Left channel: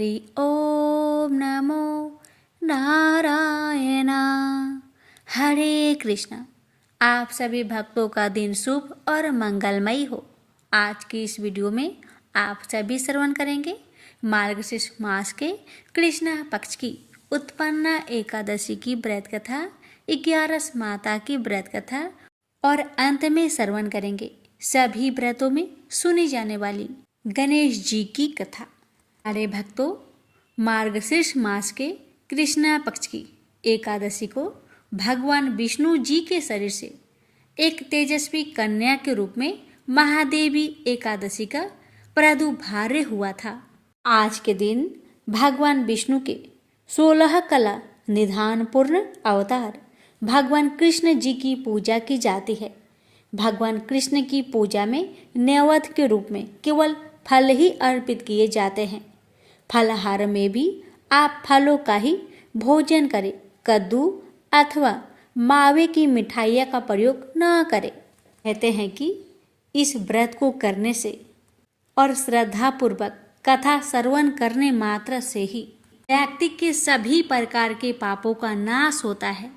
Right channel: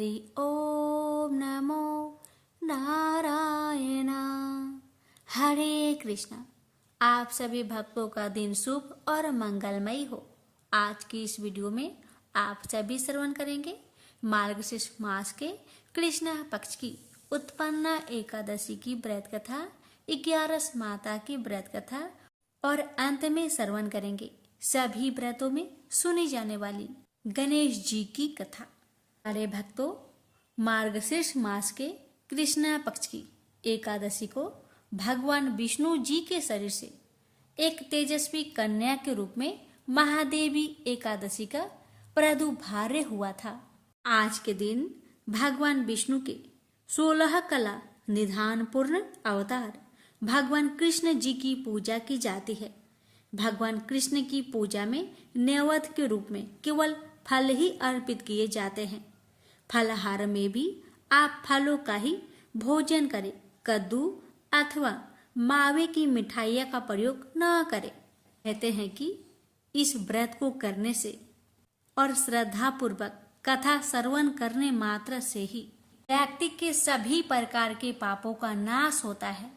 हरि ओम नमो नारायण। हरे कृष्णा। आप सभी भक्तों का दिन शुभ और मंगलमयी हो। आज की इस वीडियो में आप सभी श्रवण करेंगे मार्गशीर्ष मास के कृष्ण पक्ष की उत्पन्ना एकादशी की व्रत कथा, 11 माता की व्रत कथा और अंत में श्रवण करेंगे सभी व्रतों में सुनी जाने वाली गणेश जी की कथा। अरे भक्तों, मार्गशीर्ष मास के कृष्ण पक्ष की एकादशी को भगवान विष्णु जी के शरीर से एक तेजस्वी कन्या के रूप में महादेवी एकादशी का प्रादुर्भाव हुआ था। आज के दिन भगवान विष्णु के 16 कला निधान पूर्ण अवतार भगवान कृष्ण जी की पूजा की जाती है। भगवान कृष्ण की पूजा में नैवेद्य के रूप में केवल फल ही अर्पित किए जाते हैं। फलाहार में भी आप फलों का ही भोजन करें, कद्दू अथवा मावे की मिठाइयाँ का प्रयोग न करें। कहते हैं कि इस व्रत को करने से और श्रद्धा पूर्वक कथा श्रवण करने मात्र से ही व्यक्ति के सभी प्रकार के पापों का नाश होता है।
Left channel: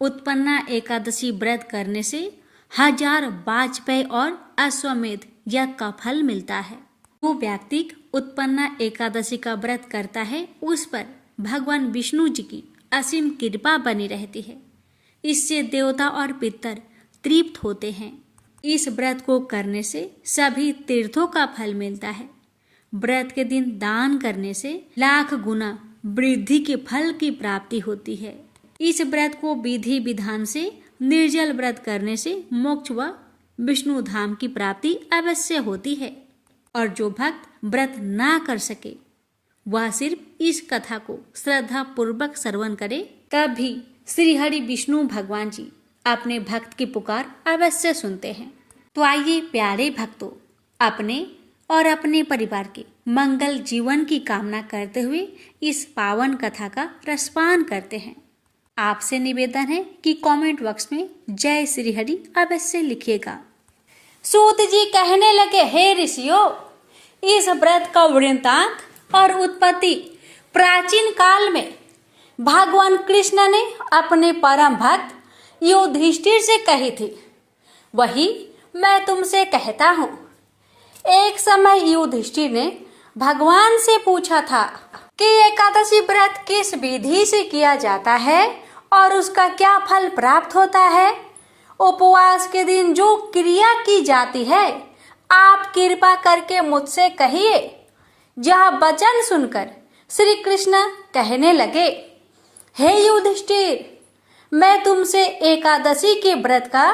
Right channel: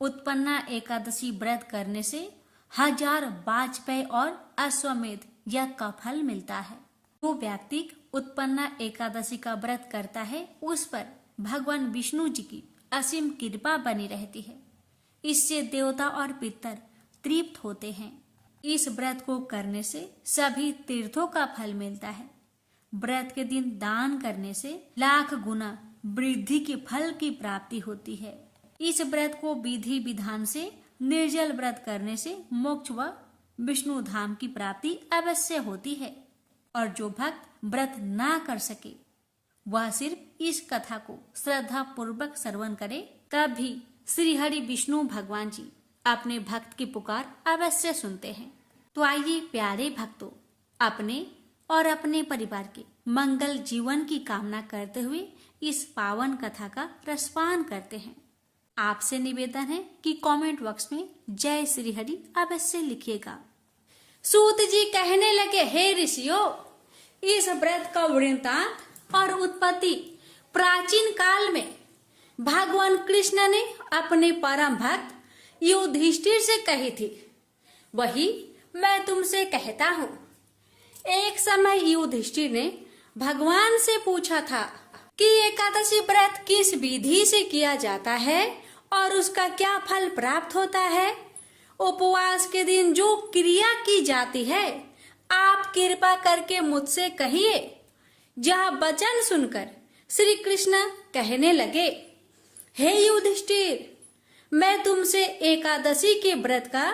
उत्पन्ना एकादशी व्रत करने से 1000 वाजपेय और अश्वमेध यज्ञ का फल मिलता है। जो व्यक्ति उत्पन्ना एकादशी का व्रत करता है उस पर भगवान विष्णु जी की असीम कृपा बनी रहती है। इससे देवता और पितर तृप्त होते हैं। इस व्रत को करने से सभी तीर्थों का फल मिलता है। व्रत के दिन दान करने से लाख गुना वृद्धि के फल की प्राप्ति होती है। इस व्रत को विधि विधान से निर्जल व्रत करने से मोक्ष व विष्णु धाम की प्राप्ति अवश्य होती है। और जो भक्त व्रत ना कर सके वह सिर्फ इस कथा को श्रद्धा पूर्वक श्रवण करे, तब भी श्री हरि विष्णु भगवान जी अपने भक्त की पुकार अवश्य सुनते हैं। तो आइए प्यारे भक्तों, अपने और अपने परिवार के मंगल जीवन की कामना करते हुए इस पावन कथा का रसपान करते हैं। आपसे निवेदन है कि कमेंट बॉक्स में जय श्री हरि अवश्य लिखिएगा। सूत जी कहने लगे, हे ऋषियों, इस व्रत का वृत्तांत और उत्पत्ति प्राचीन काल में भगवान कृष्ण ने अपने परम भक्त युधिष्ठिर से कही थी। वही मैं तुमसे कहता हूँ। एक समय युधिष्ठिर ने भगवान से पूछा था कि एकादशी व्रत किस विधि से किया जाता है और उसका क्या फल प्राप्त होता है। उपवास के दिन जो क्रिया की जाती है आप कृपा करके मुझसे कहिए। यह वचन सुनकर श्री कृष्ण कहने लगे, हे युधिष्ठिर, मैं तुमसे एकादशी के व्रत का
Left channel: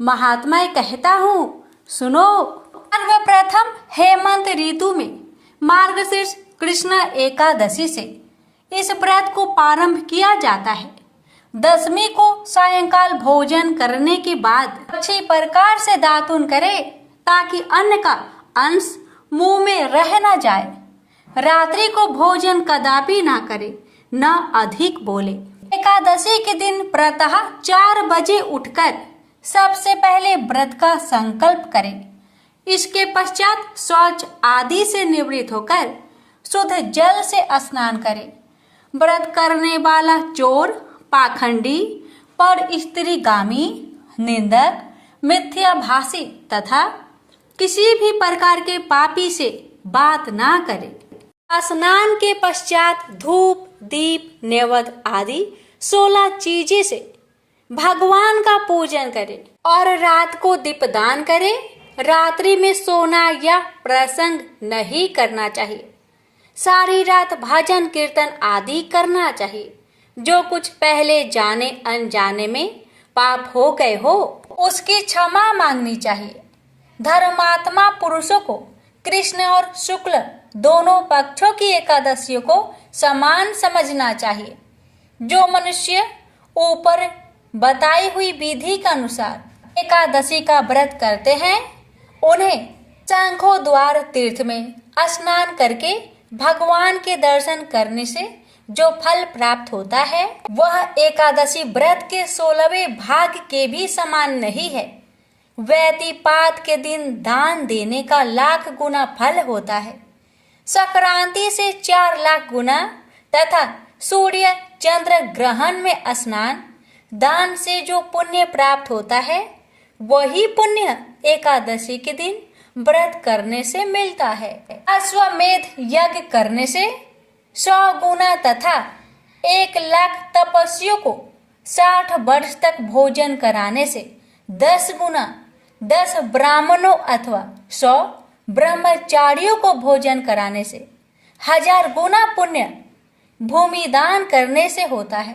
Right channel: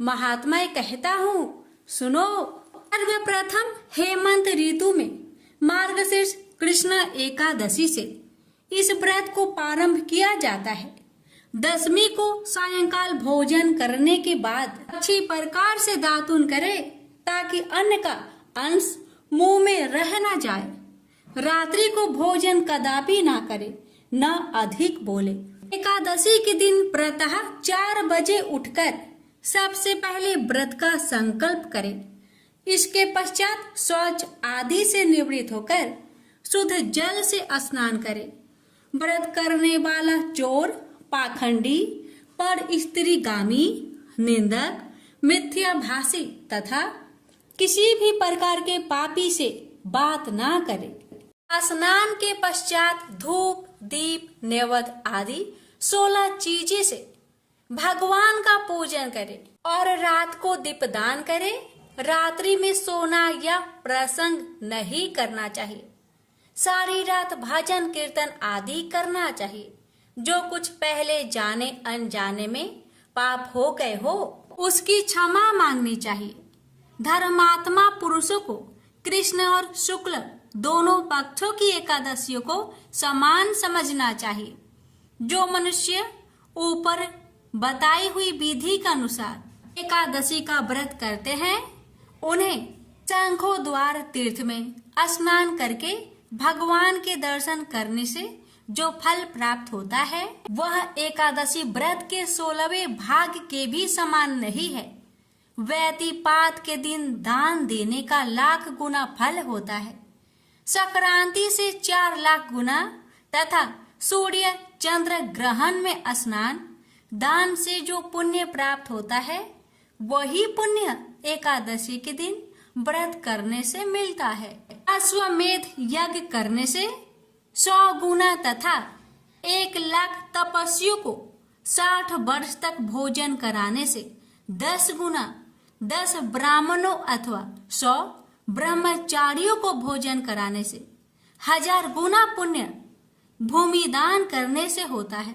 महात्म्य कहता हूँ, सुनो। सर्वप्रथम हेमंत ऋतु में मार्गशीर्ष कृष्ण एकादशी से इस व्रत को प्रारंभ किया जाता है। दशमी को सायंकाल भोजन करने के बाद अच्छी प्रकार से दातुन करे ताकि अन्न का अंश मुंह में रह न जाए। रात्रि को भोजन कदापि ना करे, न अधिक बोले। एकादशी के दिन प्रातः 4 बजे उठकर सबसे पहले व्रत का संकल्प करे। इसके पश्चात शौच आदि से निवृत्त होकर शुद्ध जल से स्नान करे। व्रत करने वाला चोर, पाखंडी, पर स्त्रीगामी, निंदक, मिथ्याभाषी तथा किसी भी प्रकार के पापी से बात ना करे। स्नान के पश्चात धूप, दीप, नैवेद्य आदि 16 चीजें से भगवान का पूजन करे और रात को दीपदान करे। रात्रि में सोना या प्रसंग नहीं करना चाहिए। सारी रात भजन कीर्तन आदि करना चाहिए। जो कुछ पहले जाने अनजाने में पाप हो गए हो उसकी क्षमा मांगनी चाहिए। धर्मात्मा पुरुषों को कृष्ण और शुक्ल दोनों पक्षों की एकादशियों को समान समझना चाहिए। जो मनुष्य ऊपर बताई हुई विधि के अनुसार एकादशी का व्रत करते हैं उन्हें शंखो द्वार तीर्थ में स्नान करके भगवान के दर्शन करने से जो फल प्राप्त होता है वह एकादशी व्रत के 16वें भाग के भी समान नहीं है। व्यतिपात के दिन दान देने का लाख गुना फल होता है। संक्रांति से 4 लाख गुना तथा सूर्य चंद्र ग्रहण में स्नान दान से जो पुण्य प्राप्त होता है वही पुण्य एकादशी के दिन व्रत करने से मिलता है। अश्वमेध यज्ञ करने से 100 गुना तथा 1 लाख तपस्वियों को 60 वर्ष तक भोजन कराने से 10 गुना 10 ब्राह्मणों अथवा 100 ब्रह्मचारियों को भोजन कराने से 1000 गुना पुण्य भूमि दान करने से होता है।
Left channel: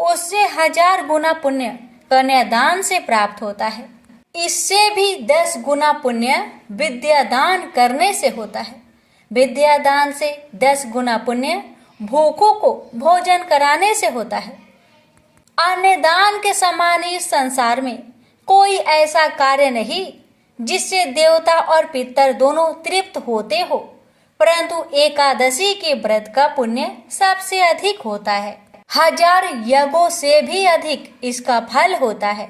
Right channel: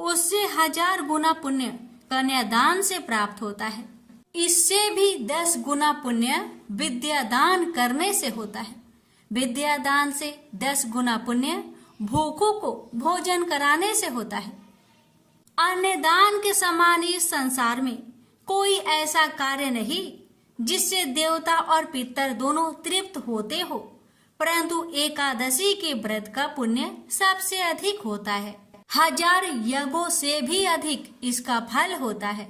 उससे 1000 गुना पुण्य कन्यादान से प्राप्त होता है। इससे भी 10 गुना पुण्य विद्यादान करने से होता है। विद्यादान से 10 गुना पुण्य भूखों को भोजन कराने से होता है। अन्य दान के समान इस संसार में कोई ऐसा कार्य नहीं जिससे देवता और पितर दोनों तृप्त होते हो, परंतु एकादशी के व्रत का पुण्य सबसे अधिक होता है। 1000 यज्ञों से भी अधिक इसका फल होता है।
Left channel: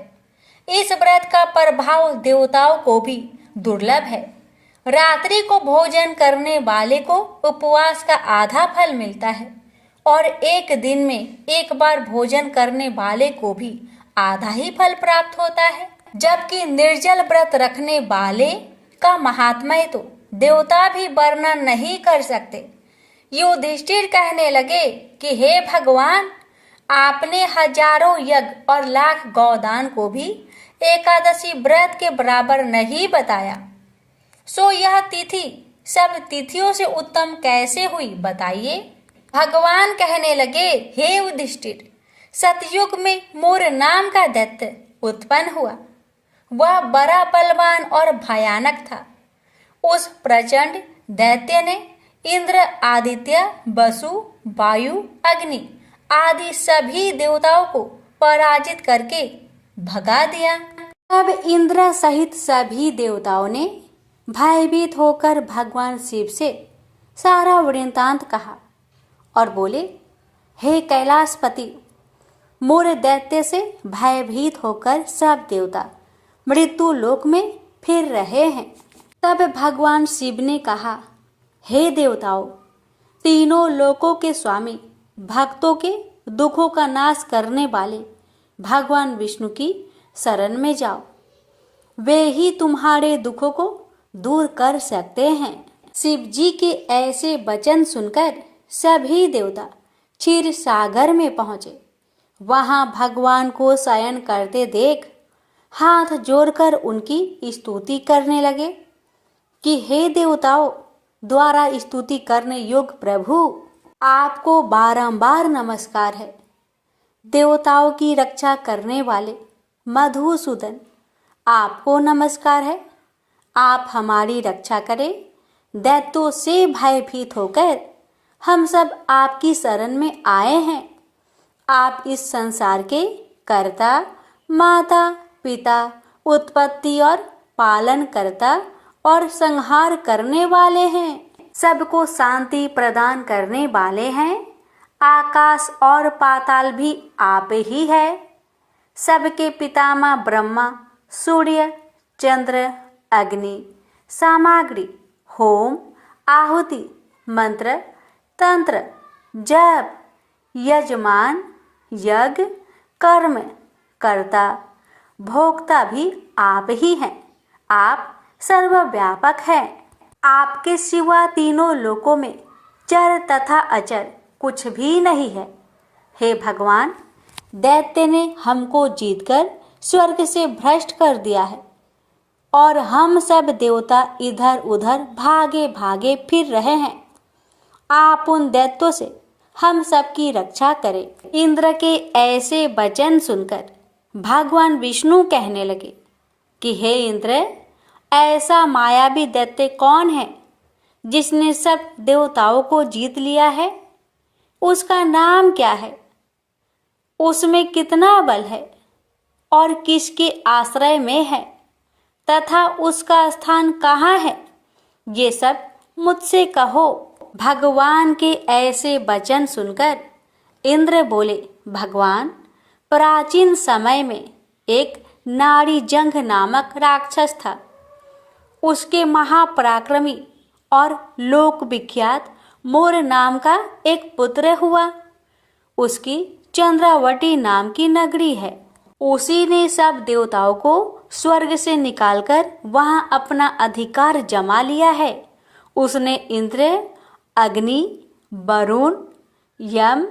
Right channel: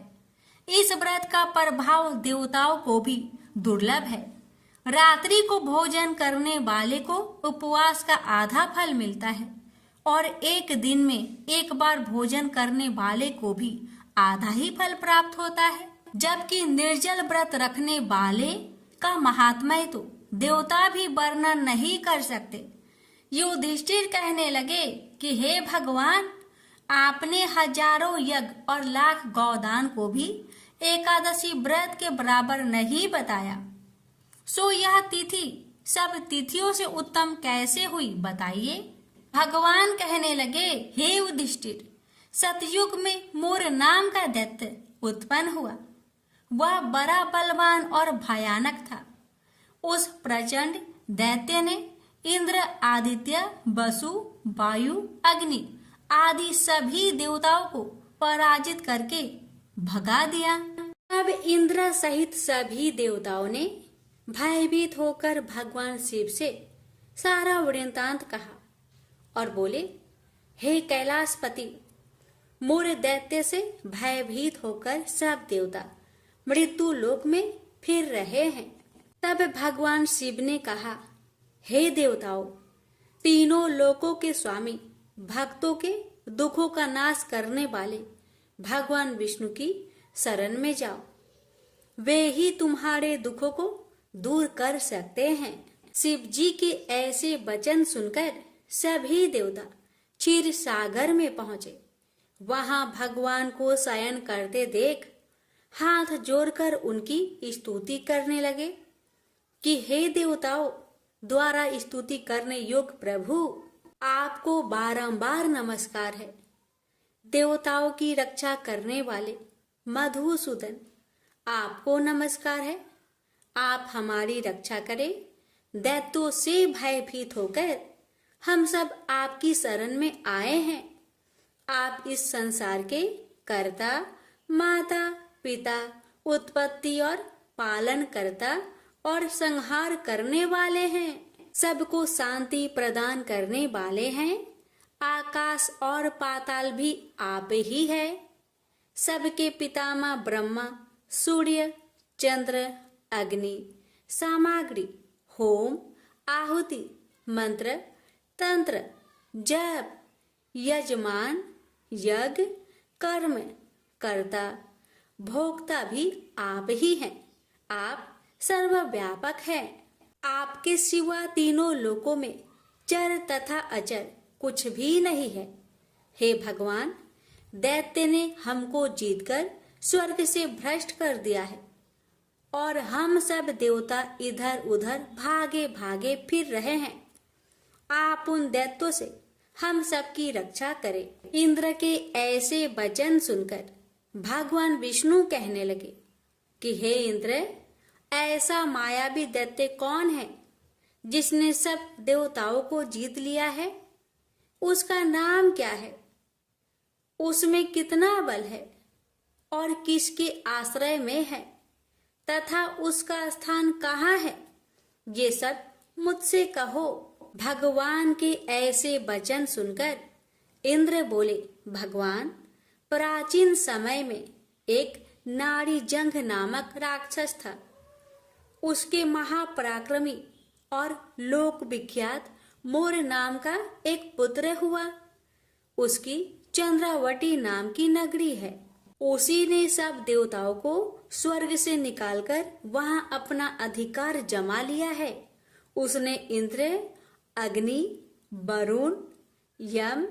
इस व्रत का प्रभाव देवताओं को भी दुर्लभ है। रात्रि को भोजन करने वाले को उपवास का आधा फल मिलता है और एक दिन में एक बार भोजन करने वाले को भी आधा ही फल प्राप्त होता है। जबकि निर्जल व्रत रखने वाले का महात्म्य तो देवता भी वर्णन नहीं कर सकते। युधिष्ठिर कहने लगे कि हे भगवान, आपने हजारों यज्ञ और लाख गौदान को भी एकादशी व्रत के बराबर नहीं बताया, सो यह तिथि सब तिथियों से उत्तम कैसे हुई बताइए। भगवान कहने लगे, हे युधिष्ठिर, सतयुग में मूर नाम का दैत्य उत्पन्न हुआ। वह बड़ा बलवान और भयानक था। उस प्रचंड दैत्य ने इंद्र, आदित्य, वसु, वायु, अग्नि आदि सभी देवताओं को पराजित करके भगा दिया। तब इंद्र सहित सभी देवताओं ने भयभीत होकर भगवान शिव से सारा वृत्तांत कहा और बोले, हे कैलाशपति, मूर दैत्य से भयभीत होकर सब देवता मृत्यु लोक में फिर रहे हैं। तब भगवान शिव ने कहा, हे देवताओं, तीनों लोकों के स्वामी, भक्तों के दुखों का नाश करने वाले भगवान विष्णु की शरण में जाओ। वे ही तुम्हारे दुखों को दूर कर सकते हैं। शिव जी के ऐसे वचन सुनकर सभी देवता क्षीर सागर में पहुंचे। वहां भगवान को शयन करते देख हाथ जोड़कर उनकी स्तुति करने लगे कि हे देवताओं द्वारा स्तुति करने योग्य प्रभु, आपको बारंबार नमस्कार है। देवताओं की रक्षा करने वाले मधुसूदन, आपको नमस्कार है। आप हमारी रक्षा करें। दैत्यों से भयभीत होकर हम सब आपकी शरण में आए हैं। आप इस संसार के कर्ता, माता, पिता, उत्पत्ति और पालन करता और संहार करने वाले हैं। सबको शांति प्रदान करने वाले हैं। आकाश और पाताल भी आप ही है। सबके पितामह ब्रह्मा, सूर्य, चंद्र, अग्नि, सामग्री, होम, आहुति, मंत्र, तंत्र, जप, यजमान, यज्ञ, कर्म, कर्ता, भोक्ता भी आप ही हैं। आप सर्वव्यापक है। आपके सिवा तीनों लोकों में चर तथा अचर कुछ भी नहीं है। हे भगवान, दैत्य ने हमको जीतकर स्वर्ग से भ्रष्ट कर दिया है और हम सब देवता इधर उधर भागे भागे फिर रहे हैं। आप उन दैत्यों से हम सबकी रक्षा करें। इंद्र के ऐसे वचन सुनकर भगवान विष्णु कहने लगे कि हे इंद्र, ऐसा मायावी दैत्य कौन है जिसने सब देवताओं को जीत लिया है? उसका नाम क्या है? उसमें कितना बल है और किसके आश्रय में है तथा उसका स्थान कहाँ है? ये सब मुझसे कहो। भगवान के ऐसे वचन सुनकर इंद्र बोले, भगवान, प्राचीन समय में एक नाड़ी जंघ नामक राक्षस था। उसके महापराक्रमी और लोक विख्यात मोर नाम का एक पुत्र हुआ। उसकी चंद्रावती नाम की नगरी है। उसी ने सब देवताओं को स्वर्ग से निकालकर वहां अपना अधिकार जमा लिया है। उसने इंद्र, अग्नि, वरुण, यम,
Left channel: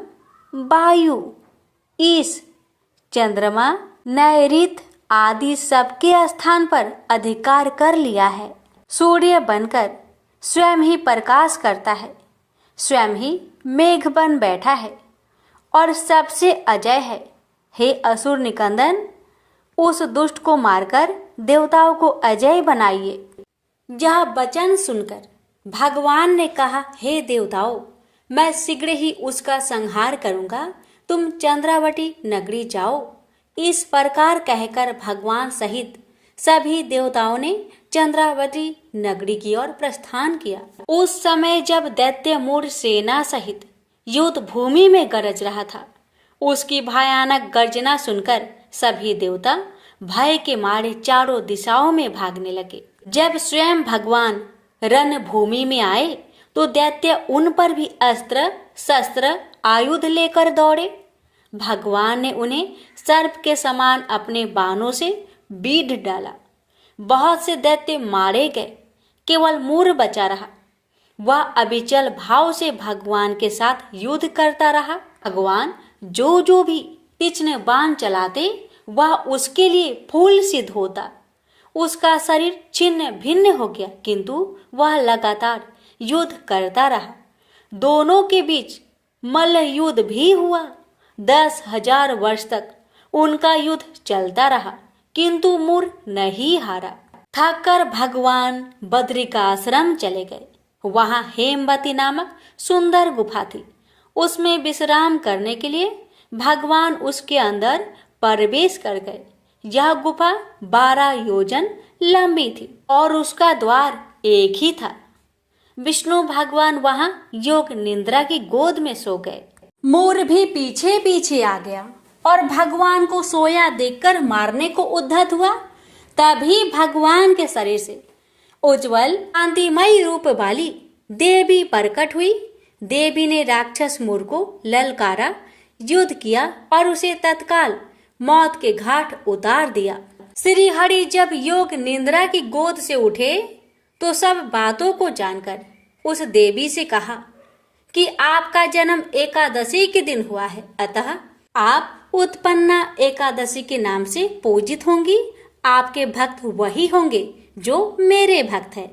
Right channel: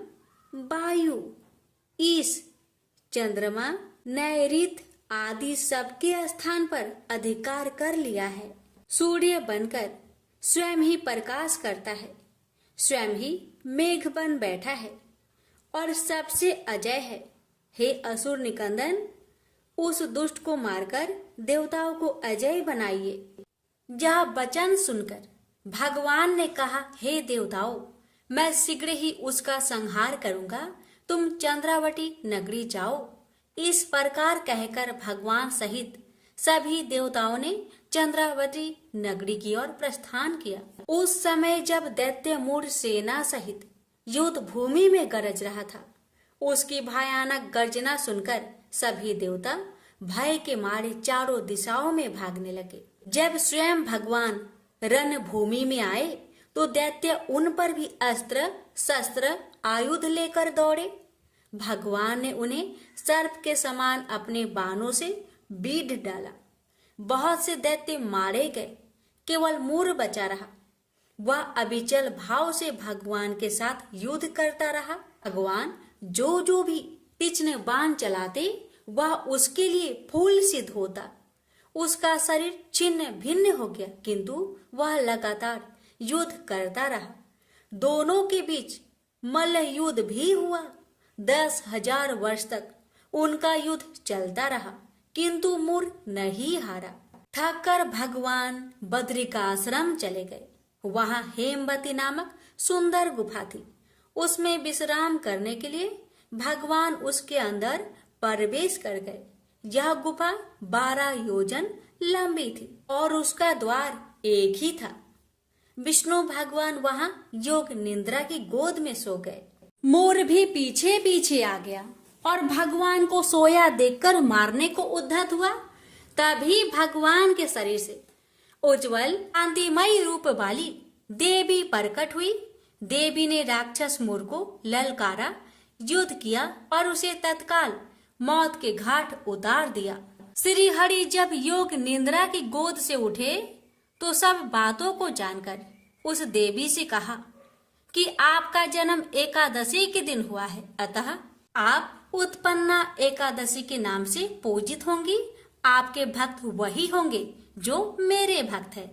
वायु, ईश, चंद्रमा, नैऋत आदि सबके स्थान पर अधिकार कर लिया है। सूर्य बनकर स्वयं ही प्रकाश करता है, स्वयं ही मेघ बन बैठा है और सबसे अजय है। हे असुर निकंदन, उस दुष्ट को मारकर देवताओं को अजय बनाइए। यह वचन सुनकर भगवान ने कहा, हे देवताओं, मैं शीघ्र ही उसका संहार करूंगा, तुम चंद्रावती नगरी जाओ। इस प्रकार कहकर भगवान सहित सभी देवताओं ने चंद्रावती नगरी की ओर प्रस्थान किया। उस समय जब दैत्य मूढ़ सेना सहित युद्ध भूमि में गरज रहा था, उसकी भयानक गर्जना सुनकर सभी देवता भय के मारे चारों दिशाओं में भागने लगे। जब स्वयं भगवान रणभूमि में आए तो दैत्य उन पर भी अस्त्र शस्त्र आयुध लेकर दौड़े। भगवान ने उन्हें सर्प के समान अपने बाणों से बीध डाला। बहुत से दैत्य मारे गए, केवल मूढ़ बचा रहा। वह अविचल भाव से भगवान के साथ युद्ध करता रहा। भगवान जो भी तीक्ष्ण बाण चलाते वह उसके लिए फूल सिद्ध होता। उसका शरीर छिन्न भिन्न हो गया, किंतु वह लगातार युद्ध करता रहा। दोनों के बीच मल्ल युद्ध भी हुआ। 10,000 वर्ष तक उनका युद्ध चलता रहा, किंतु मूढ़ नहीं हारा। थक कर भगवान बद्रिकाश्रम चले गए। वहां हेमवती नामक सुंदर गुफा थी। उसमें विश्राम करने के लिए भगवान उसके अंदर प्रवेश कर गए। यह गुफा 12 योजन लंबी थी और उसका द्वार एक ही था। विष्णु भगवान वहां योग निद्रा की गोद में सो गए। मोर भी पीछे पीछे आ गया और भगवान को सोया देखकर मारने को उद्धत हुआ। तभी भगवान के शरीर से उज्जवल कांतिमयी रूप वाली देवी प्रकट हुई। देवी ने राक्षस मोर को ललकारा, युद्ध किया और उसे तत्काल मौत के घाट उतार दिया। श्री हरि जब योग निद्रा की गोद से उठे तो सब बातों को जानकर उस देवी से कहा कि आपका जन्म एकादशी के दिन हुआ है, अतः आप उत्पन्ना एकादशी के नाम से पूजित होंगी। आपके भक्त वही होंगे जो मेरे भक्त है।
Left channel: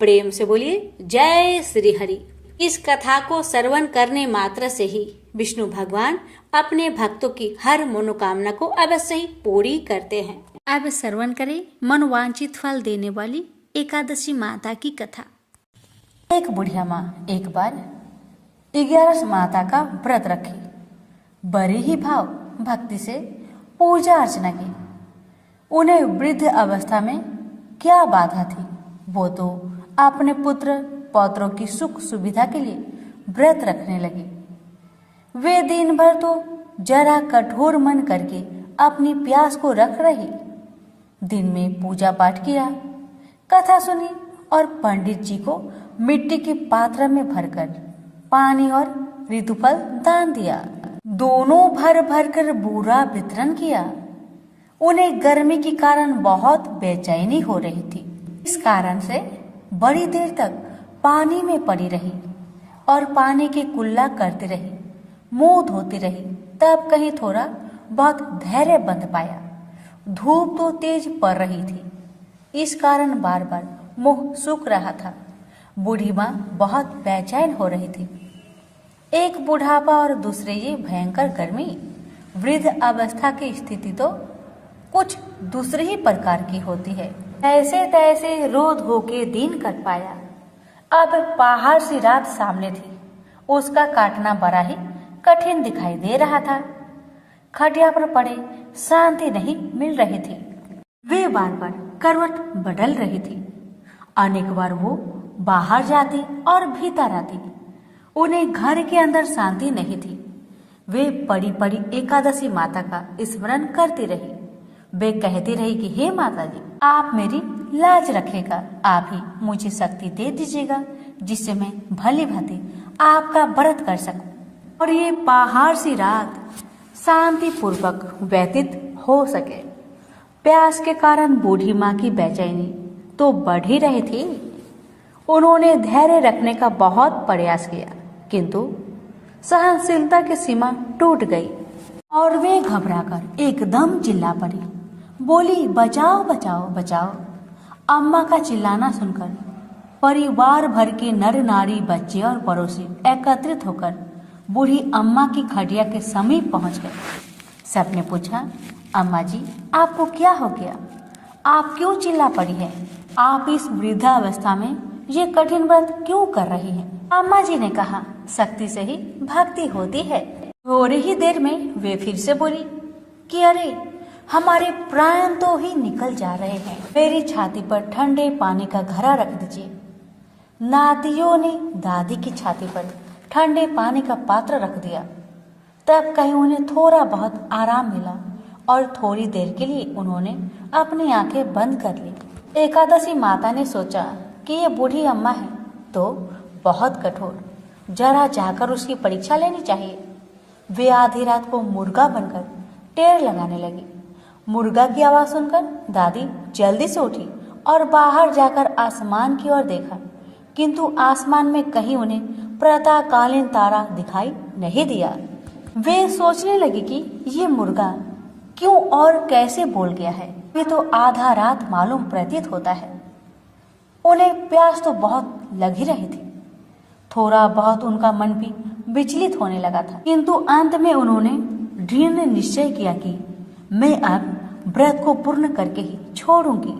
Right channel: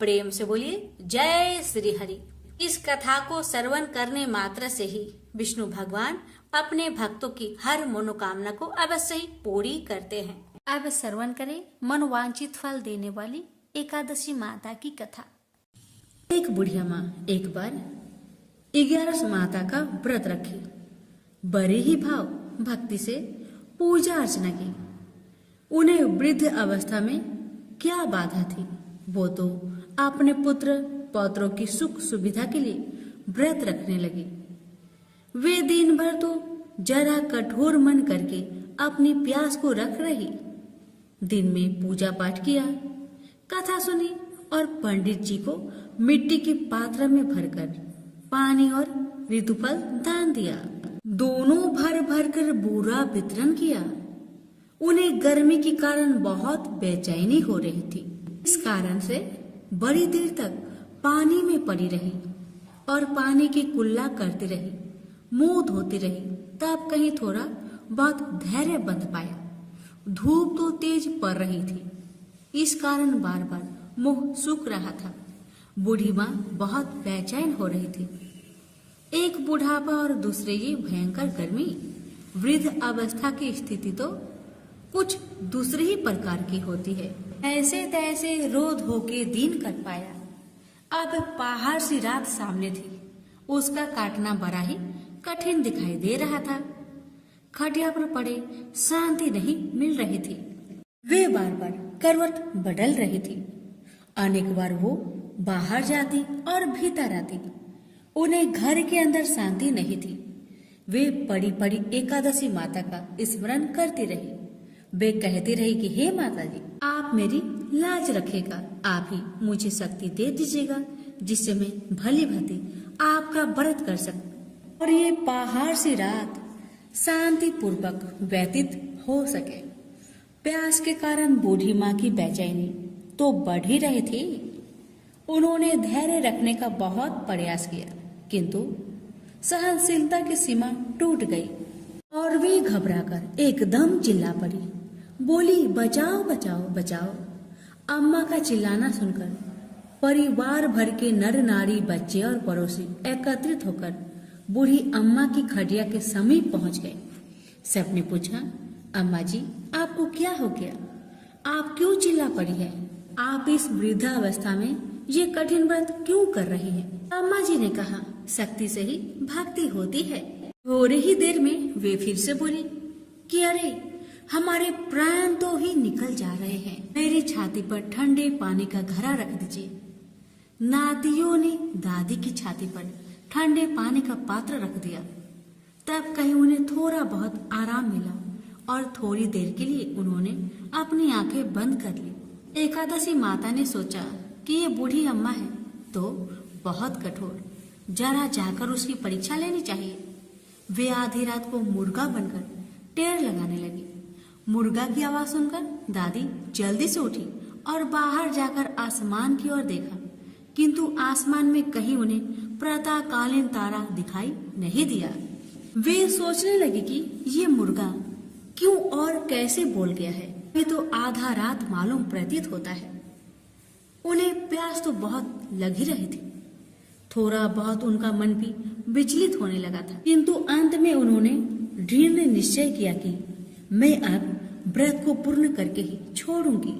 प्रेम से बोलिए जय श्री हरि। इस कथा को श्रवण करने मात्र से ही विष्णु भगवान अपने भक्तों की हर मनोकामना को अवश्य ही पूरी करते हैं। अब श्रवण करें मनोवांछित फल देने वाली एकादशी माता की कथा। एक बुढ़िया माँ एक बार 11 माता का व्रत रखी। बड़े ही भाव भक्ति से पूजा अर्चना की। उन्हें वृद्ध अवस्था में क्या बाधा थी, वो तो अपने पुत्र पौत्रों की सुख सुविधा के लिए व्रत रखने लगी। वे दिन भर तो जरा कठोर मन करके अपनी प्यास को रख रही। दिन में पूजा पाठ किया, कथा सुनी और पंडित जी को मिट्टी के पात्र में भरकर पानी और ऋतुफल दान दिया। दोनों भर भर कर बूरा वितरण किया। उन्हें गर्मी के कारण बहुत बेचैनी हो रही थी। इस कारण से बड़ी देर तक पानी में पड़ी रही और पानी की कुल्ला करती रही, मुंह धोती रही। तब कहीं थोड़ा बहुत धैर्य बंध पाया। धूप तो तेज पड़ रही थी, इस कारण बार बार मुंह सूख रहा था। बूढ़ी माँ बहुत बेचैन हो रही थी। एक बुढ़ापा और दूसरे ये भयंकर गर्मी। वृद्ध अवस्था की स्थिति तो कुछ दूसरे ही प्रकार की होती है। ऐसे तैसे रो धो के दिन कट पाया। अब पहाड़ सी रात सामने थी। उसका काटना बड़ा ही कठिन दिखाई दे रहा था। खटिया पर पड़े शांति नहीं मिल रही थी। वे बार बार करवट बदल रही थी। अनेक बार वो बाहर जाती और भीतर आती। उन्हें घर के अंदर शांति नहीं थी। वे पड़ी पड़ी एकादशी माता का स्मरण करती रही। वे कहती रही कि हे माता जी, आप मेरी लाज रखेगा, आप ही मुझे शक्ति दे दीजिएगा जिससे मैं भली भांति आपका व्रत कर सकूं और ये पहाड़ सी रात शांति पूर्वक व्यतीत हो सके। प्यास के कारण बूढ़ी माँ की बेचैनी तो बढ़ ही रही थी। उन्होंने धैर्य रखने का बहुत प्रयास किया, किंतु सहनशीलता की सीमा टूट गई और वे घबराकर एकदम चिल्ला पड़ी। बोली, बचाओ बचाओ बचाओ। अम्मा का चिल्लाना सुनकर परिवार भर के नर नारी, बच्चे और पड़ोसी एकत्रित होकर बूढ़ी अम्मा की खटिया के समीप पहुंच गए। सबने पूछा, अम्मा जी आपको क्या हो गया? आप क्यों चिल्ला पड़ी है? आप इस वृद्धावस्था में ये कठिन व्रत क्यों कर रही हैं? अम्मा जी ने कहा, शक्ति से ही भक्ति होती है। थोड़ी ही देर में वे फिर से बोली कि अरे हमारे प्राण तो ही निकल जा रहे हैं। मेरी छाती पर ठंडे पानी का घड़ा रख दीजिए। नातियों ने दादी की छाती पर ठंडे पानी का पात्र रख दिया। तब कहीं उन्हें थोड़ा बहुत आराम मिला और थोड़ी देर के लिए उन्होंने अपनी आंखें बंद कर ली। एकादशी माता ने सोचा कि ये बूढ़ी अम्मा है तो बहुत कठोर, जरा जाकर उसकी परीक्षा लेनी चाहिए। वे आधी रात को मुर्गा बनकर टेर लगाने लगी। मुर्गा की आवाज सुनकर दादी जल्दी से उठी और बाहर जाकर आसमान की ओर देखा, किंतु आसमान में कहीं उन्हें प्रातःकालीन तारा दिखाई नहीं दिया। वे सोचने लगी कि ये मुर्गा क्यों और कैसे बोल गया है। ये तो आधा रात मालूम प्रतीत होता है। उन्हें प्यास तो बहुत लग ही रही थी। थोड़ा बहुत उनका मन भी विचलित होने लगा था, किंतु अंत में उन्होंने दृढ़ निश्चय किया कि मैं अब व्रत को पूर्ण करके ही छोड़ूंगी,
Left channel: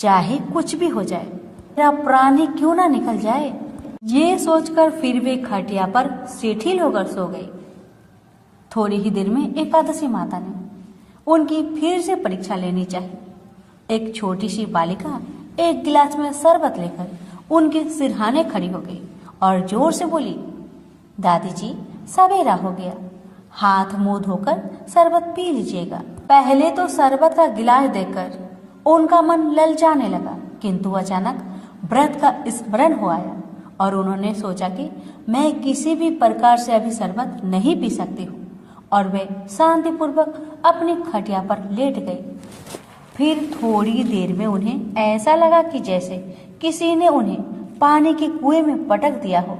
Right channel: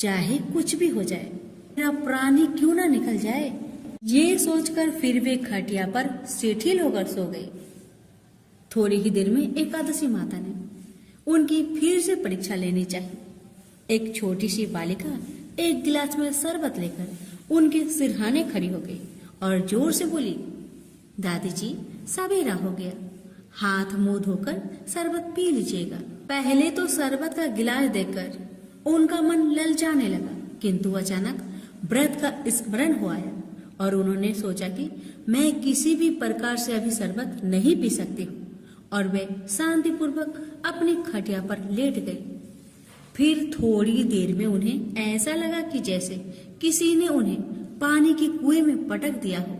चाहे कुछ भी हो जाए, मेरा प्राण ही क्यों ना निकल जाए। ये सोचकर फिर वे खटिया पर शिथिल होकर सो गई। थोड़ी ही देर में एकादशी माता ने उनकी फिर से परीक्षा लेनी चाहिए। एक छोटी सी बालिका एक गिलास में शरबत लेकर उनके सिरहाने खड़ी हो गई और जोर से बोली, दादी जी सवेरा हो गया, हाथ मुंह धोकर शरबत पी लीजिएगा। पहले तो शरबत का गिलास देखकर उनका मन ललचाने लगा, किंतु अचानक व्रत का स्मरण हो आया और उन्होंने सोचा कि मैं किसी भी प्रकार से अभी शरबत नहीं पी सकती हूँ और वे शांतिपूर्वक अपनी खटिया पर लेट गई। फिर थोड़ी देर में उन्हें ऐसा लगा कि जैसे किसी ने उन्हें पानी के कुएं में पटक दिया हो।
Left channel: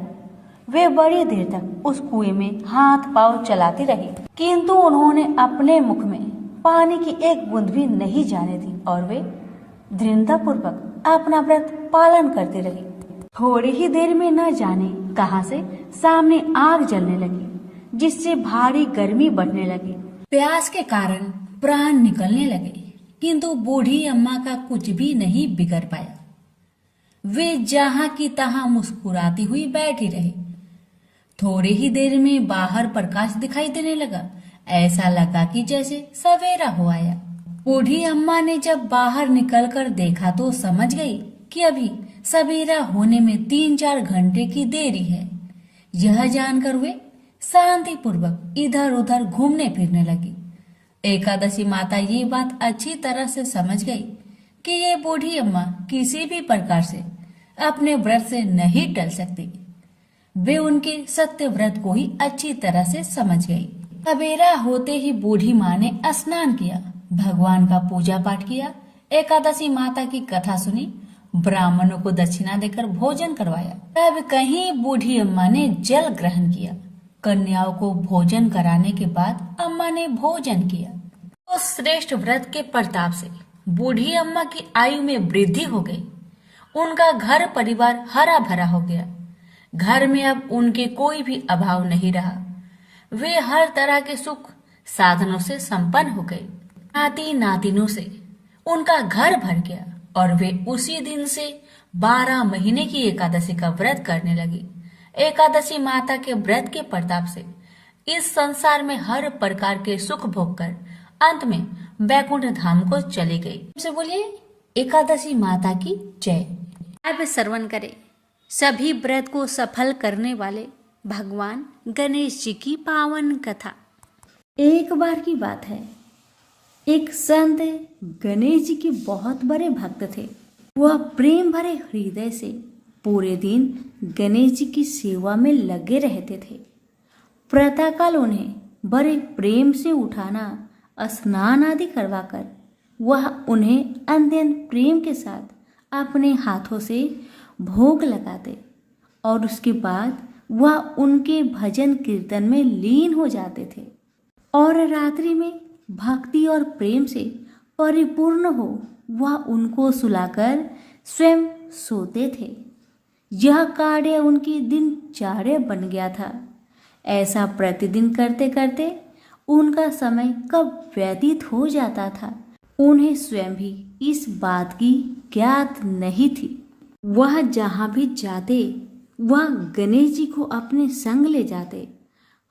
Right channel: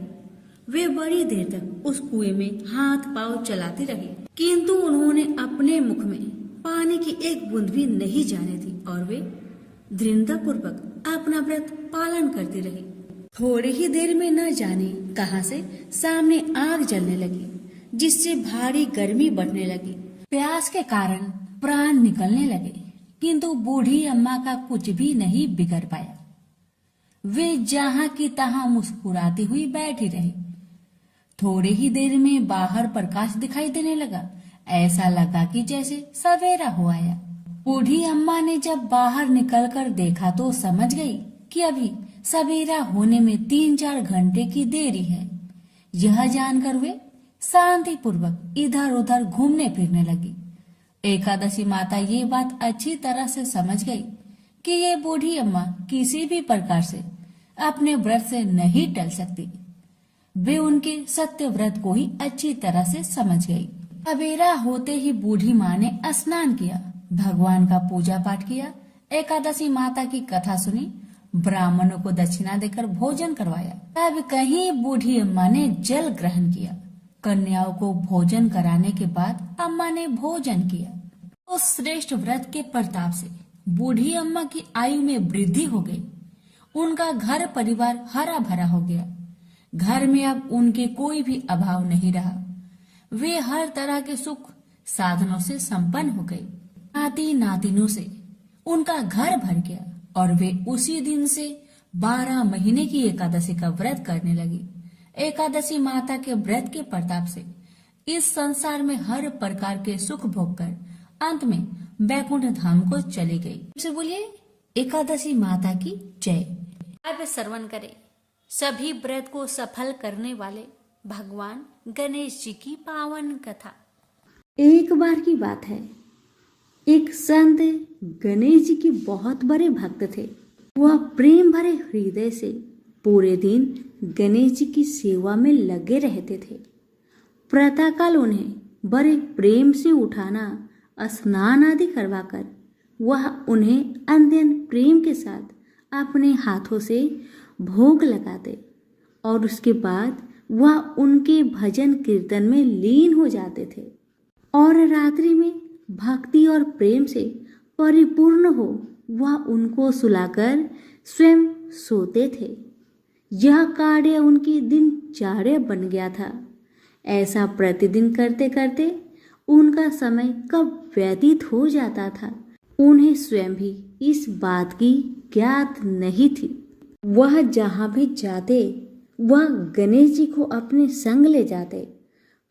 वे बड़ी देर तक उस कुएं में हाथ पांव चलाती रही, किंतु उन्होंने अपने मुख में पानी की एक बूंद भी नहीं जाने दी और वे दृढ़तापूर्वक अपना व्रत पालन करती रही। थोड़ी ही देर में न जाने कहां से सामने आग जलने लगी, जिससे भारी गर्मी बढ़ने लगी। प्यास के कारण प्राण निकलने लगे, किंतु बूढ़ी अम्मा का कुछ भी नहीं बिगड़ पाया। वे जहां की तहां मुस्कुराती हुई बैठी रही। थोड़ी ही देर में बाहर प्रकाश दिखाई देने लगा। ऐसा लगा कि जैसे सवेरा हो आया। बूढ़ी अम्मा ने जब बाहर निकलकर देखा तो समझ गई कि अभी सवेरा होने में 3-4 घंटे की देरी है। यह जानकर वे शांति पूर्वक इधर उधर घूमने फिरने लगी। एकादशी माता ये बात अच्छी तरह से समझ गई कि ये बूढ़ी अम्मा किसी भी प्रकार से अपने व्रत से नहीं टल सकती। वे उनके सत्य व्रत को ही अच्छी तरह से समझ गई। सवेरा होते ही बूढ़ी माँ ने स्नान किया, भगवान का पूजा पाठ किया, एकादशी माता की कथा सुनी, ब्राह्मणों को दक्षिणा देकर भोजन करवाया। तब कहीं बूढ़ी अम्मा ने जल ग्रहण किया। कन्याओं को भोजन कराने के बाद अम्मा ने भोजन किया। उस श्रेष्ठ व्रत के प्रताप से बूढ़ी अम्मा की आयु में वृद्धि हो गई। उनका घर परिवार हरा भरा हो गया। घर में अब उनके कोई भी अभाव नहीं रहा। वे हर तरह के सुख साधनों से संपन्न हो गई। नाती नातिनों से उनका घर भर गया और वे उसी दिन से 12 महीने की एकादशी का व्रत करने लगी। एकादशी माता के व्रत के प्रताप से इस संसार में हर प्रकार के सुख भोग कर अंत में वैकुंठ धाम को चली गई। से बोलिए एकादशी माता की जय। अब श्रवण करें सभी व्रत को सफल करने वाले भगवान गणेश जी की पावन कथा। एक बार की बात है, एक संत गणेश जी के बहुत बड़े भक्त थे। वह प्रेम भरे हृदय से पूरे दिन गणेश जी की सेवा में लगे रहते थे। प्रातःकाल उन्हें बड़े प्रेम से उठाना, स्नान आदि करवाकर वह उन्हें अत्यंत प्रेम के साथ अपने हाथों से भोग लगाते और उसके बाद वह उनके भजन कीर्तन में लीन हो जाते थे और रात्रि में भक्ति और प्रेम से परिपूर्ण हो वह उनको सुलाकर स्वयं सोते थे। यह कार्य उनकी दिनचर्या बन गया था। ऐसा प्रतिदिन करते करते उनका समय कब व्यतीत हो जाता था उन्हें स्वयं भी इस बात की ज्ञात नहीं थी। वह जहाँ भी जाते वह गणेश जी को अपने संग ले जाते।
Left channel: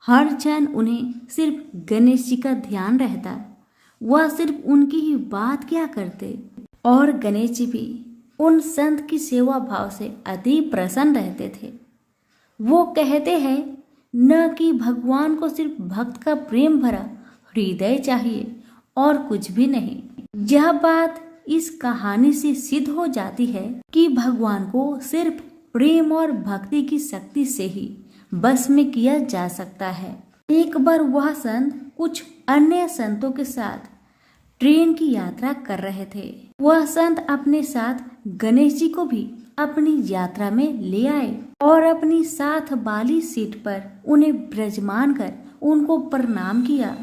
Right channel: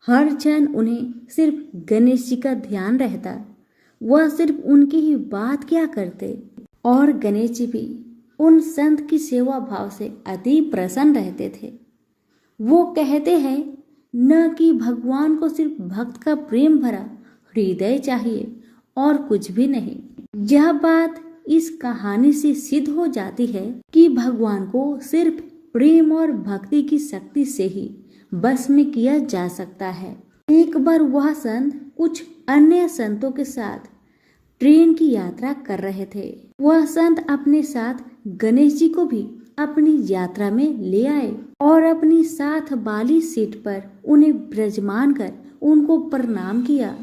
हर क्षण उन्हें सिर्फ गणेश जी का ध्यान रहता। वह सिर्फ उनकी ही बात क्या करते और गणेश जी भी उन संत की सेवा भाव से अति प्रसन्न रहते थे। वो कहते हैं न कि भगवान को सिर्फ भक्त का प्रेम भरा हृदय चाहिए और कुछ भी नहीं। यह बात इस कहानी से सिद्ध हो जाती है कि भगवान को सिर्फ प्रेम और भक्ति की शक्ति से ही बस में किया जा सकता है। एक बार वह संत कुछ अन्य संतों के साथ ट्रेन की यात्रा कर रहे थे। वह संत अपने साथ गणेश जी को भी अपनी यात्रा में ले आए और अपनी साथ वाली सीट पर उन्हें विराजमान कर उनको प्रणाम किया।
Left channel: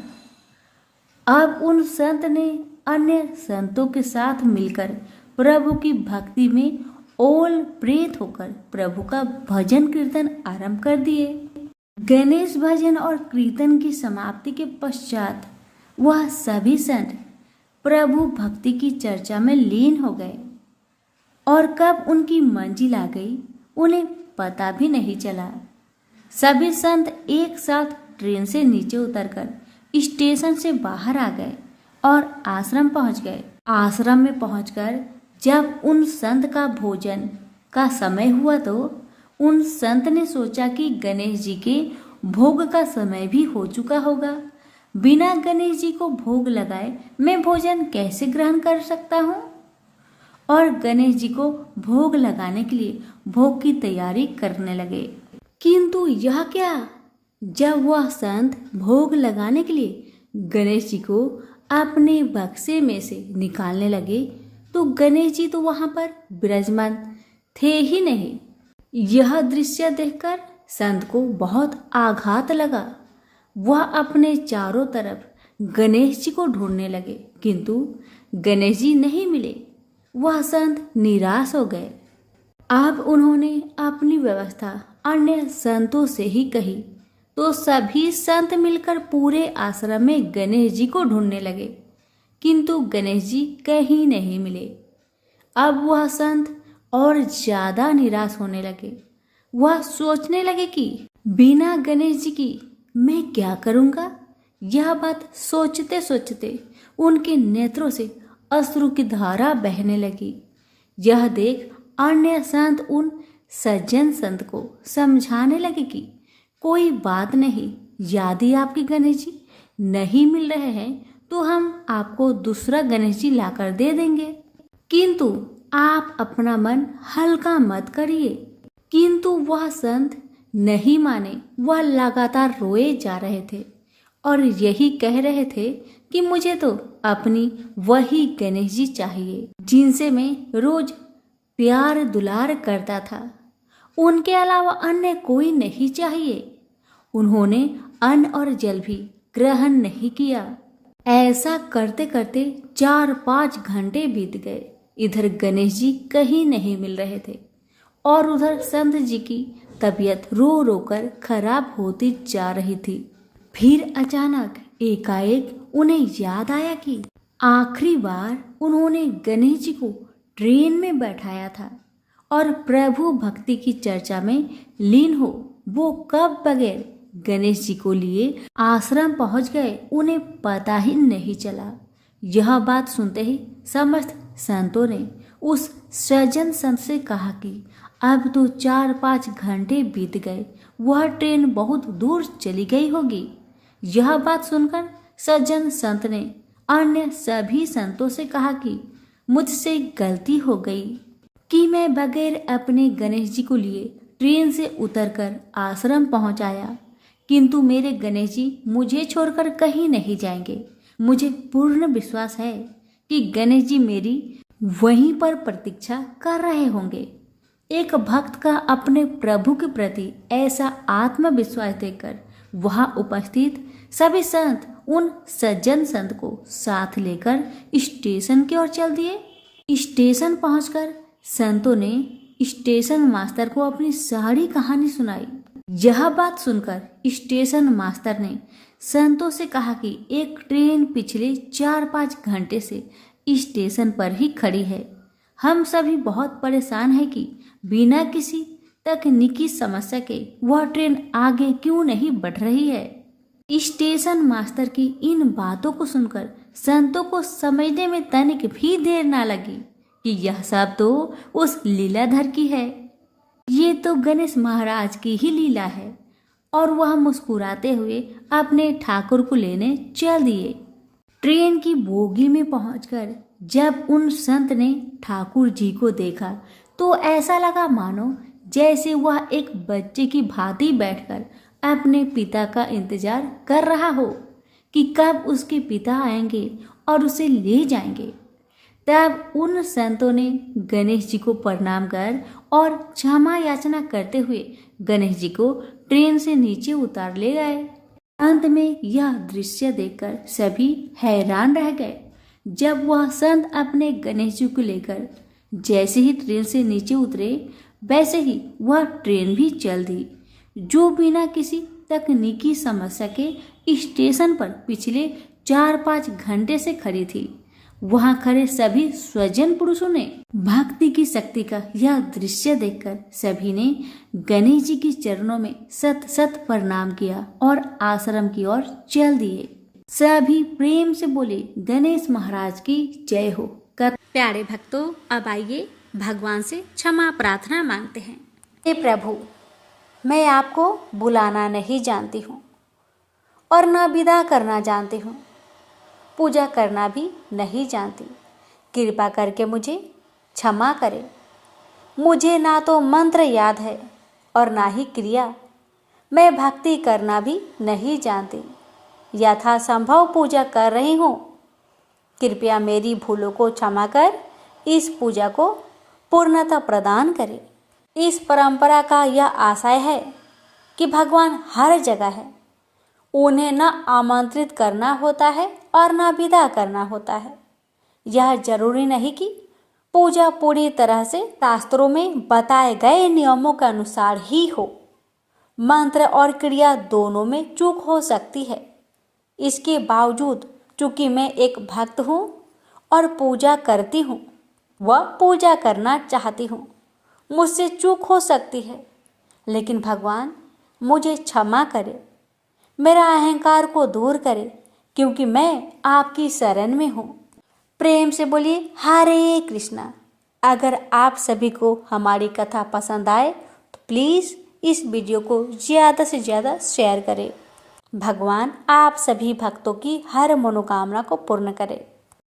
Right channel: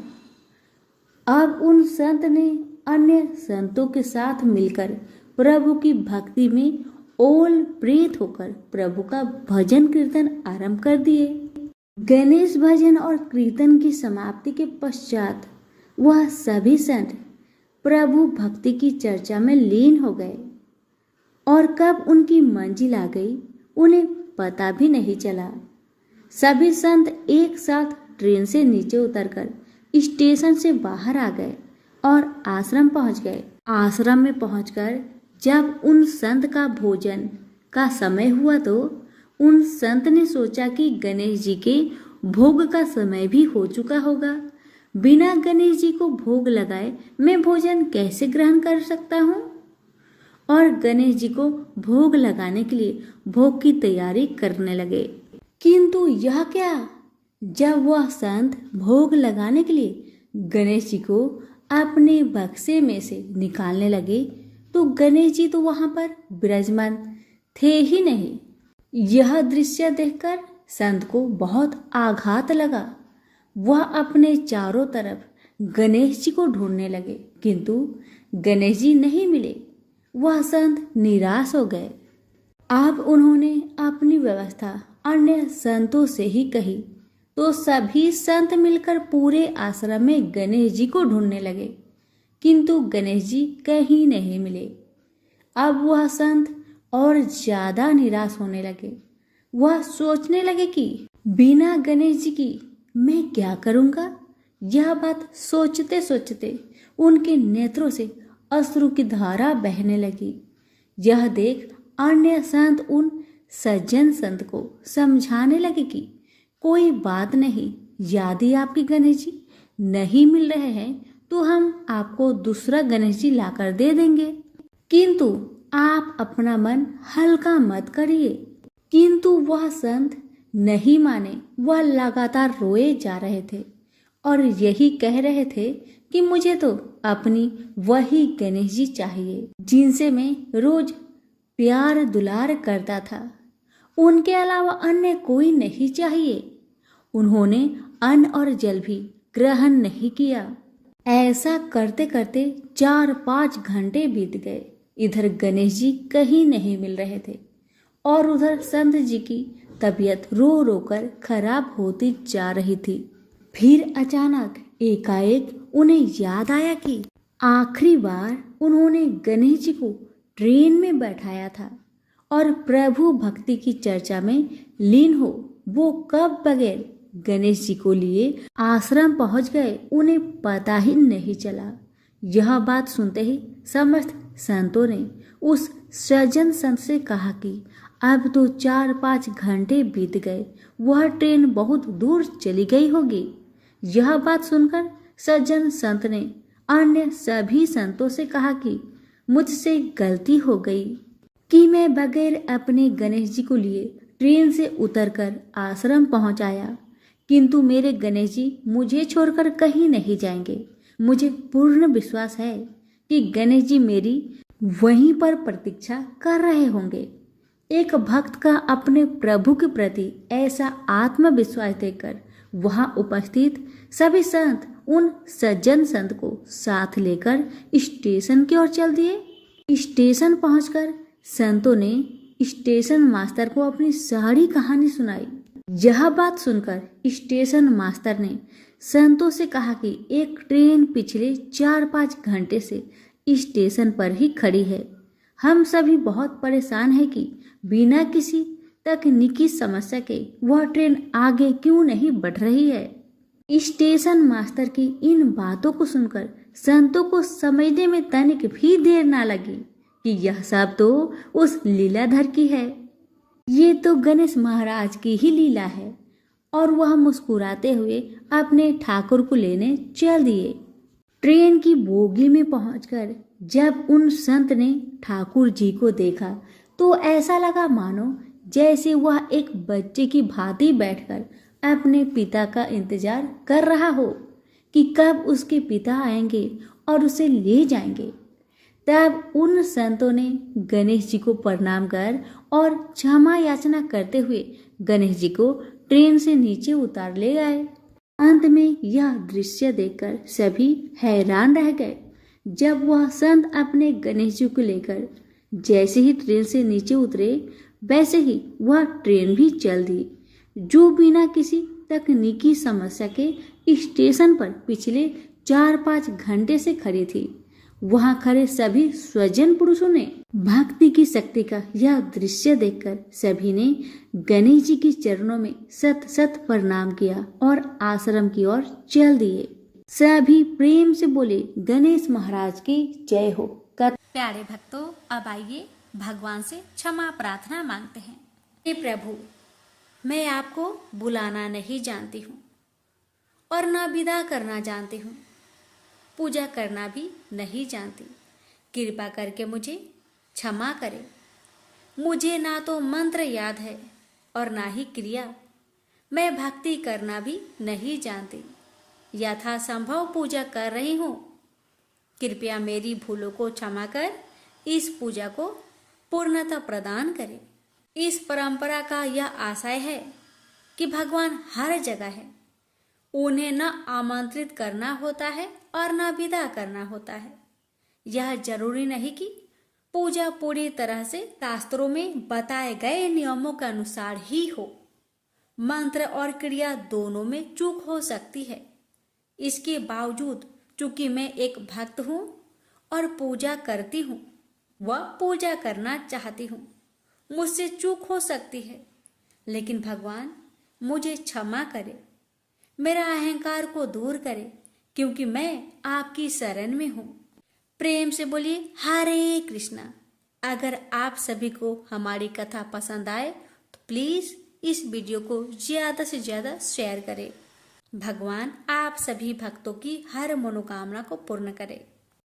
अब उन संत ने अन्य संतों के साथ मिलकर प्रभु की भक्ति में ओल प्रेत होकर प्रभु का भजन कीर्तन आरंभ कर दिए। गणेश भजन और कीर्तन की समाप्ति के पश्चात वह सभी संत प्रभु भक्ति की चर्चा में लीन हो गए और कब उनकी मंजिल आ गई उन्हें पता भी नहीं चला। सभी संत एक साथ ट्रेन से नीचे उतरकर स्टेशन से बाहर आ गए और आश्रम पहुंच गए। आश्रम में पहुंचकर जब उन संत का भोजन का समय हुआ तो उन संत ने सोचा कि गणेश जी के भोग का समय भी हो चुका होगा। बिना गणेश जी को भोग लगाए मैं भोजन कैसे ग्रहण कर सकता हूँ? और गणेश जी को भोग लगाने के लिए भोग की तैयारी करने लगे। किंतु यह क्या, जब वह संत भोग लगाने के लिए गणेश जी को अपने बक्से में से निकालने लगे तो गणेश जी तो वहां पर विराजमान थे ही नहीं। यह दृश्य देखकर संत को बहुत आघात लगा। वह अपने चारों तरफ गणेश जी को ढूंढने लगे किंतु गणेश जी नहीं मिले। वह संत निराश हो गए। अब उन्होंने अपनी व्यवस्था अन्य संतों से ही कही तो सभी संत मिलकर पूरे आश्रम में गणेश जी को ढूंढने लगे किंतु गणेश जी कहीं नहीं मिले। अब वह संत और ज्यादा निराश होने लगे। वह सोचने लगे कि बिना गणेश जी की मैं क्या करूंगा। यह बात सोचते सोचते उनके नेत्रों से अश्रु की धारा बहने लगी। यह देख अन्य संत उन सज्जन संत को समझाने लगे कि कोई बात नहीं, यदि आपके गणेश जी नहीं मिल रहे हैं तो हम आपको दूसरा गणेश जी लाकर दे देंगे, किंतु आप अपना मन हल्का मत करिए। किंतु वह संत नहीं माने। वह लगातार रोए जा रहे थे और यही कह रहे थे कि मुझे तो अपनी वही गणेश जी चाहिए जिनसे मैं रोज प्यार दुलार करता था। उनके अलावा अन्य कोई नहीं चाहिए। उन्होंने अन्न और जल भी ग्रहण नहीं किया। ऐसा करते करते 4-5 घंटे बीत गए। इधर गणेश जी कहीं नहीं मिल रहे थे और उधर संत जी की तबीयत रो रो कर खराब होती जा रही थी। फिर अचानक एकाएक उन्हें याद आया कि आखिरी बार उन्होंने गणेश जी को ट्रेन में बैठाया था और प्रभु भक्ति की चर्चा में लीन हो वो कब बगैर गणेश जी को लिए आश्रम पहुंच गए उन्हें पता ही नहीं चला। यह बात सुनते ही समस्त संतों ने उस सज्जन संत से कहा कि अब तो 4-5 घंटे बीत गए, वह ट्रेन बहुत दूर चली गई होगी। यह बात सुनकर सज्जन संत ने अन्य सभी संतों से कहा कि मुझसे गलती हो गई, कि मैं बगैर अपने गणेश जी को लिए ट्रेन से उतरकर आश्रम पहुंच आया, किंतु मेरे गणेश जी मुझे छोड़कर कहीं नहीं जाएंगे। मुझे पूर्ण विश्वास है कि गणेश जी मेरी वहीं पर प्रतीक्षा कर रहे होंगे। एक भक्त का अपने प्रभु के प्रति ऐसा आत्मविश्वास देखकर वहां उपस्थित सभी संत उन सज्जन संत को साथ लेकर स्टेशन की ओर चल दिए। स्टेशन पहुंचकर संतों ने स्टेशन मास्टर को अपनी सारी कहानी सुनाई। यह बात सुनकर स्टेशन मास्टर ने संतों से कहा कि एक ट्रेन पिछले 4-5 घंटे से स्टेशन पर ही खड़ी है। हम सभी बहुत परेशान हैं कि बिना किसी तकनीकी समस्या के वह ट्रेन आगे क्यों नहीं बढ़ रही है। स्टेशन मास्टर की इन बातों को सुनकर संतों को समझने में तनिक भी देर ना लगी कि यह सब तो उस लीलाधर की है। ये तो गणेश महाराज की ही लीला है। और वह मुस्कुराते हुए अपने ठाकुर को लेने चल दिए। ट्रेन की बोगी में पहुंचकर जब उन संत ने ठाकुर जी को देखा तो ऐसा लगा मानो जैसे वह एक बच्चे की भांति बैठकर अपने पिता का इंतजार कर रहा हो कि कब उसके पिता आएंगे और उसे ले जाएंगे। तब उन संतों ने गणेश जी को प्रणाम कर और क्षमा याचना करते हुए गणेश जी को ट्रेन से नीचे उतार ले गए। अंत में यह दृश्य देखकर सभी हैरान रह गए। जब वह संत अपने गणेश जी को लेकर जैसे ही ट्रेन से नीचे उतरे वैसे ही वह ट्रेन भी चल दी, जो बिना किसी तकनीकी समस्या के स्टेशन पर पिछले 4-5 घंटे से खड़ी थी। वहां खड़े सभी स्वजन पुरुषों ने भक्ति की शक्ति का यह दृश्य देखकर सभी ने गणेश जी के चरणों में सत सत प्रणाम किया और आश्रम की ओर चल दिए। सभी प्रेम से बोले गणेश महाराज की जय हो। प्यारे भक्तों, अब आइए भगवान से क्षमा प्रार्थना मांगते हैं। हे प्रभु, मैं आपको बुलाना नहीं जानती हूँ और न विदा करना जानती हूँ, पूजा करना भी नहीं जानती। कृपा करके मुझे क्षमा करें। मुझे ना तो मंत्र याद है और ना ही क्रिया। मैं भक्ति करना भी नहीं जानती। यथासंभव पूजा कर रही हूँ। कृपया मेरी भूलों को क्षमा कर इस पूजा को पूर्णता प्रदान करें। इस परंपरा का यह आशय है कि भगवान हर जगह है। उन्हें न आमंत्रित करना होता है और न विदा करना होता है। यह जरूरी नहीं कि पूजा पूरी तरह से शास्त्रों में बताए गए नियमों के अनुसार ही हो। मंत्र और क्रिया दोनों में चूक हो सकती है। इसके बावजूद चूंकि मैं एक भक्त हूँ और पूजा करती हूँ व पूजा करना चाहती हूँ, मुझसे चूक हो सकती है। लेकिन भगवान मुझे क्षमा करे, मेरा अहंकार को दूर करे, क्योंकि मैं आपकी शरण में हूँ। प्रेम से बोलिए हरे कृष्णा। अगर आप सभी को हमारी कथा पसंद आए तो प्लीज़ इस वीडियो को ज़्यादा से ज़्यादा शेयर करें। भगवान आप सभी भक्तों की हर मनोकामना को पूर्ण करे।